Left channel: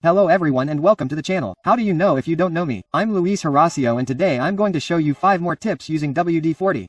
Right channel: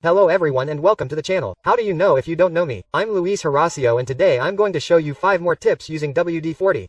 Hello everyone and welcome to the channel. How do you know if you don't know me? I'm Luis Horacio and today I'm going to show you 5 more tips using WD-40.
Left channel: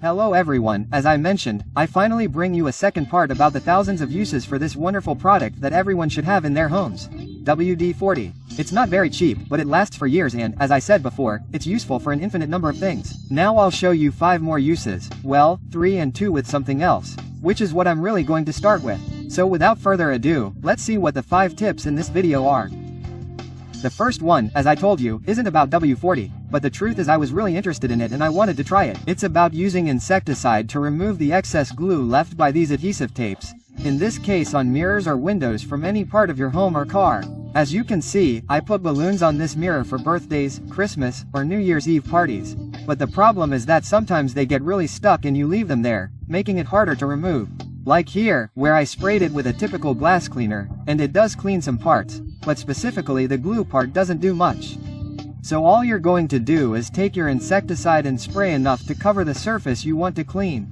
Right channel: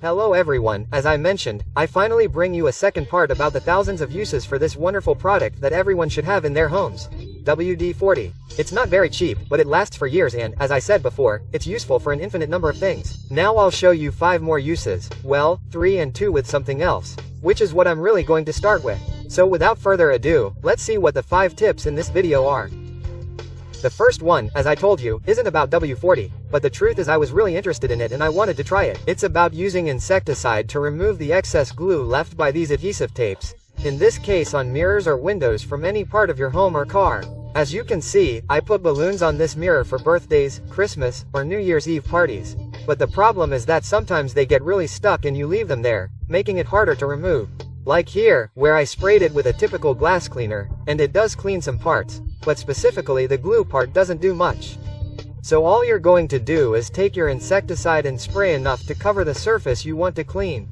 Hello everyone, as I mentioned, I finally bring you a second part about the thousands of uses for this wonderful product that everyone should have in their homes. WD-40. It's not very cheap, but it lasts for years and, as I said before, it's useful for an infinite number of things. Now I'll show you 5 more uses, well, 3 and 2 with something else, which is what I'm really going to start with. So without further ado, let's see what the 5 tips in this video are. The first one, as I told you, isn't about WD-40, but the truth is I was really interested in it and I wanted to try it. It's about using insecticide to remove the excess glue left by these adhesive tapes, in this case on mirrors or windows from any part of your home or car. As you can see, I put balloons on this mirror for birthdays, Christmas, or New Year's Eve parties. But the problem is that sometimes they get really stuck and you leave them there, making it harder to remove. Like here, where I sprayed it with a typical glass cleaner, and it does clean some parts, but specifically the glue part doesn't do much. So all you're going to do is take your insecticide and spray enough to cover the surface you want to clean.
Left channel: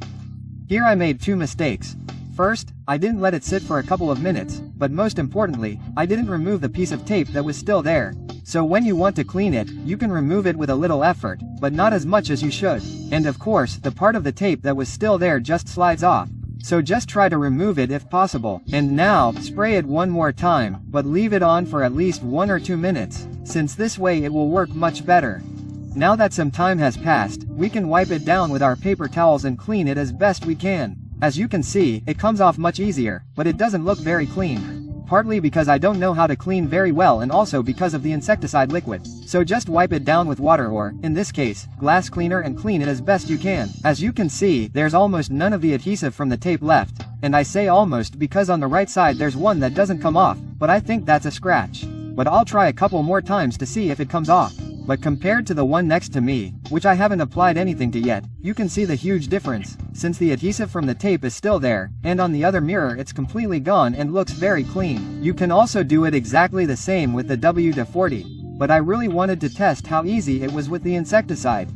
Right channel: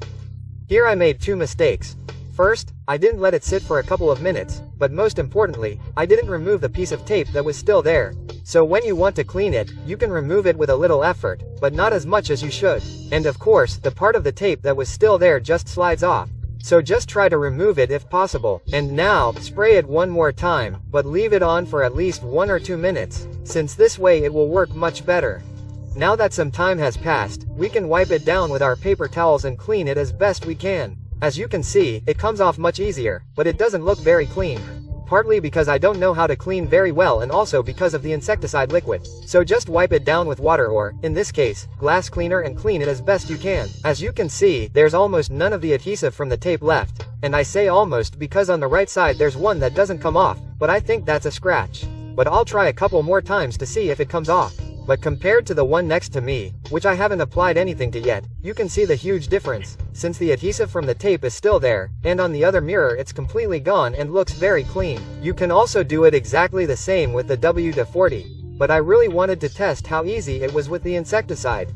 Here I made 2 mistakes. First, I didn't let it sit for a couple of minutes, but most importantly, I didn't remove the piece of tape that was still there. So when you want to clean it, you can remove it with a little effort, but not as much as you should. And of course, the part of the tape that was still there just slides off. So just try to remove it if possible. And now, spray it one more time, but leave it on for at least 1 or 2 minutes, since this way it will work much better. Now that some time has passed, we can wipe it down with our paper towels and clean it as best we can. As you can see, it comes off much easier, but it doesn't look very clean. Partly because I don't know how to clean very well and also because of the insecticide liquid. So just wipe it down with water or, in this case, glass cleaner and clean it as best you can. As you can see, there's almost none of the adhesive from the tape left. And I say almost because on the right side there's one that doesn't come off, but I think that's a scratch. But I'll try a couple more times to see if it comes off. But compared to the one next to me, which I haven't applied anything to yet, you can see the huge difference, since the adhesive from the tape is still there, and on the other mirror it's completely gone and looks very clean. You can also do it exactly the same with the WD-40, but I really wanted to test how easy it was with the insecticide.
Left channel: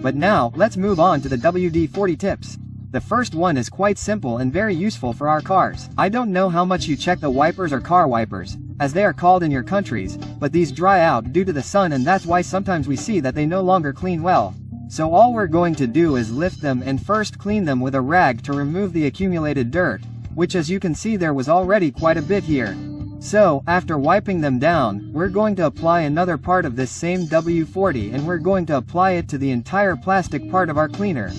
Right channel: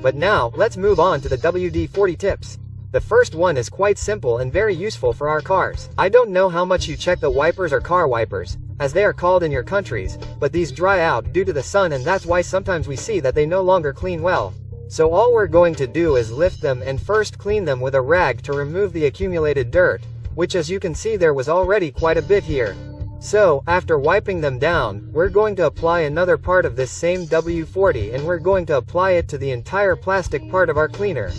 But now, let's move on to the WD-40 tips. The first one is quite simple and very useful for our cars. I don't know how much you check the wipers or car wipers, as they are called in your countries, but these dry out due to the sun and that's why sometimes we see that they no longer clean well. So all we're going to do is lift them and first clean them with a rag to remove the accumulated dirt, which as you can see there was already quite a bit here. So, after wiping them down, we're going to apply another part of this same WD-40 and we're going to apply it to the entire plastic part of our cleaner.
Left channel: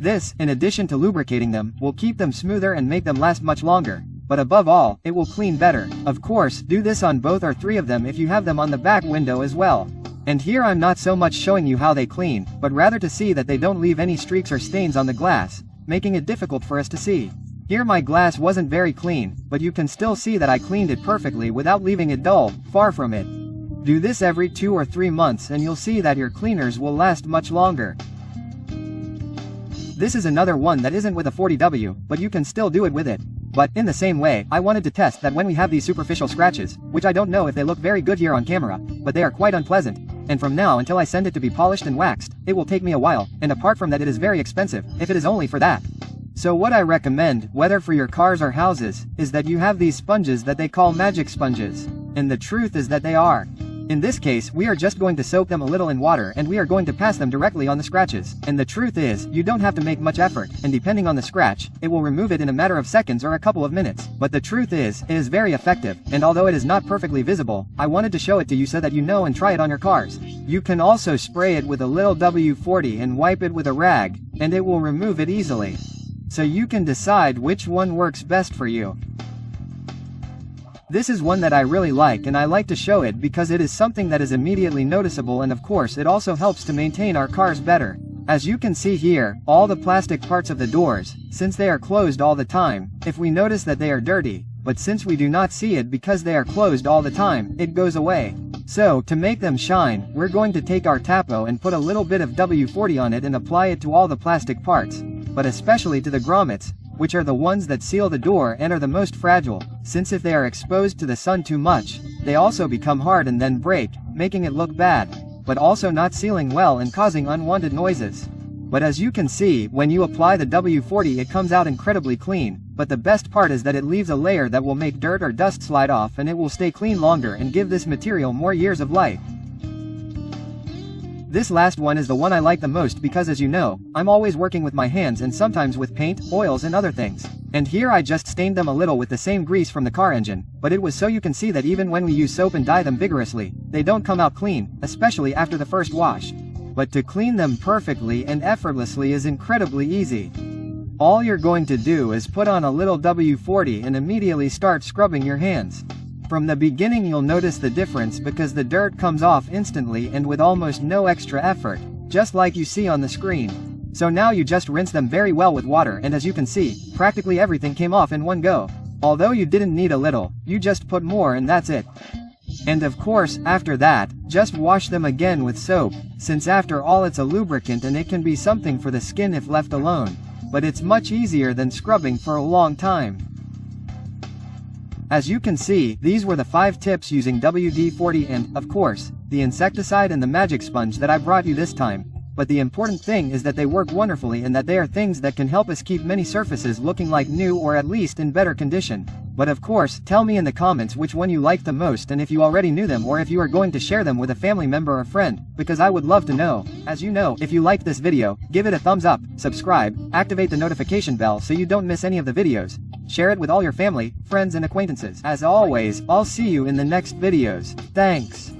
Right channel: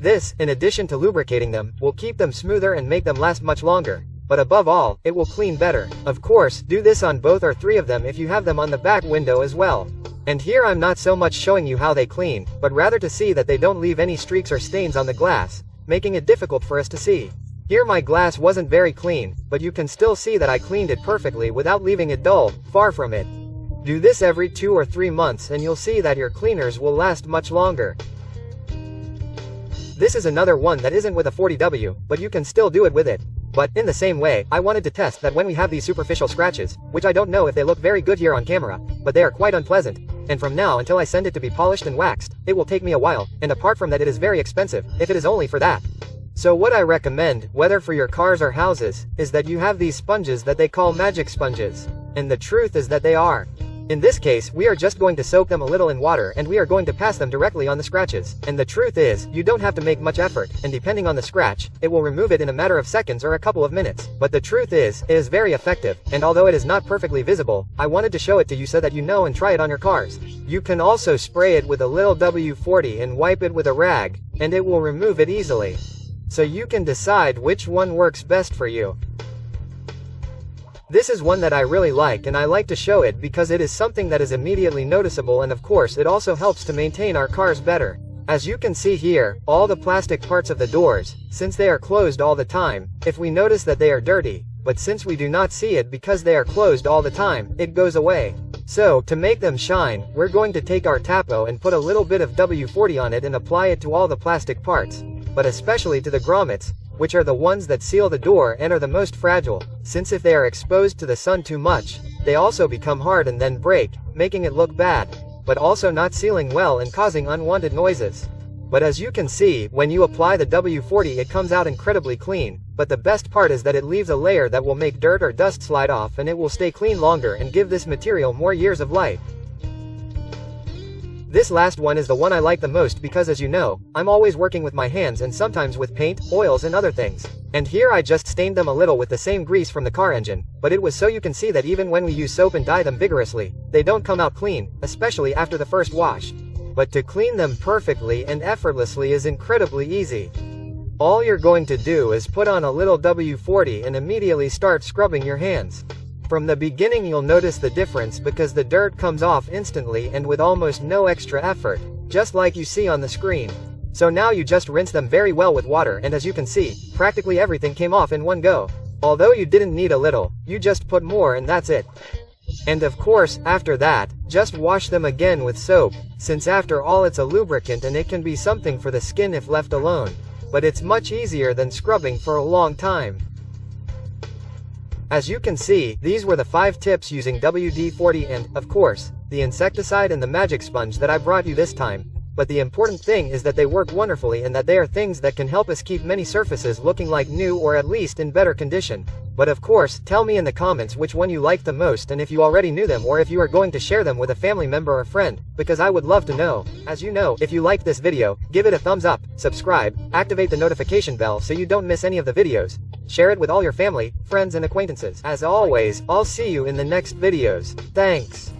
This, in addition to lubricating them, will keep them smoother and make them last much longer. But above all, it will clean better. Of course, do this on both or 3 of them if you have them on the back window as well. And here I'm not so much showing you how they clean, but rather to see that they don't leave any streaks or stains on the glass, making it difficult for us to see. Here my glass wasn't very clean, but you can still see that I cleaned it perfectly without leaving it dull, far from it. Do this every 2 or 3 months and you'll see that your cleaners will last much longer. This is another one that isn't with a 40W, but you can still do it with it. But, in the same way, I wanted to test that when we have these superficial scratches, which I don't know if they look very good here on camera, but they are quite unpleasant, and from now until I send it to be polished and waxed, it will take me a while, and apart from that it is very expensive, if it is only for that. So what I recommend, whether for your cars or houses, is that you have these sponges that they call magic sponges. And the truth is that they are. In this case, we are just going to soak them a little in water and we are going to pass them directly on the scratches. And the truth is, you don't have to make much effort, and depending on the scratch, it will remove it in a matter of seconds or a couple of minutes. But the truth is, it is very effective, and although it is not perfectly visible, I wanted to show it to you so that you know and try it on your cars. You can also spray it with a little WD-40 and wipe it with a rag, and it will remove it easily. So you can decide which one works best for you. This is one that I really like and I like to show it because it is something that is immediately noticeable and of course it also helps to maintain our cars better. As you can see here, all the plastic parts of the doors, since they are closed all the time, if we notice that they are dirty, but since we do not see it because they are closed all the time, it goes away. So, to make them shine, we're going to take our Tapo and put a little bit of WD-40 on it and apply it to all the plastic parts, but especially to the grommets, which are the ones that seal the door and are the most fragile, since if they are exposed to the sun too much, they also become hard and then break, making it look bad. but also not sealing well and causing unwanted noises. But as you can see, when you apply the WD-40 it comes out incredibly clean, but the best part is that it leaves a layer that will make dirt or dust slide off and it will stay clean longer and give this material more years of life. This last one is the one I like the most because as you know, I'm always working with my hands and sometimes with paint, oils and other things. And here I just stained them a little with the same grease from the car engine, but it was so you can see that even when we use soap and dye them vigorously, they don't come out clean, especially after the first wash. But to clean them perfectly and effortlessly is incredibly easy. All you're going to do is put on a little WD-40 and immediately start scrubbing your hands. From the beginning you'll notice the difference because the dirt comes off instantly and with almost no extra effort, just like you see on the screen. So now you just rinse them very well with water and as you can see, practically everything came off in one go. Although you didn't need a little, you just put more and that's it. And of course, after that, just wash them again with soap, since after all it's a lubricant and it can be something for the skin if left alone. But it's much easier than scrubbing for a long time. As you can see, these were the 5 tips using WD-40 and, of course, the insecticide and the magic sponge that I brought you this time. But the important thing is that they work wonderfully and that they are things that can help us keep many surfaces looking like new or at least in better condition. But of course, tell me in the comments which one you liked the most and if you already knew them or if you are going to share them with a family member or friend, because I would love to know. As you know, if you liked this video, give it a thumbs up, subscribe, activate the notification bell so you don't miss any of the videos. Share it with all your family, friends and acquaintances. As always, I'll see you in the next videos. Thanks.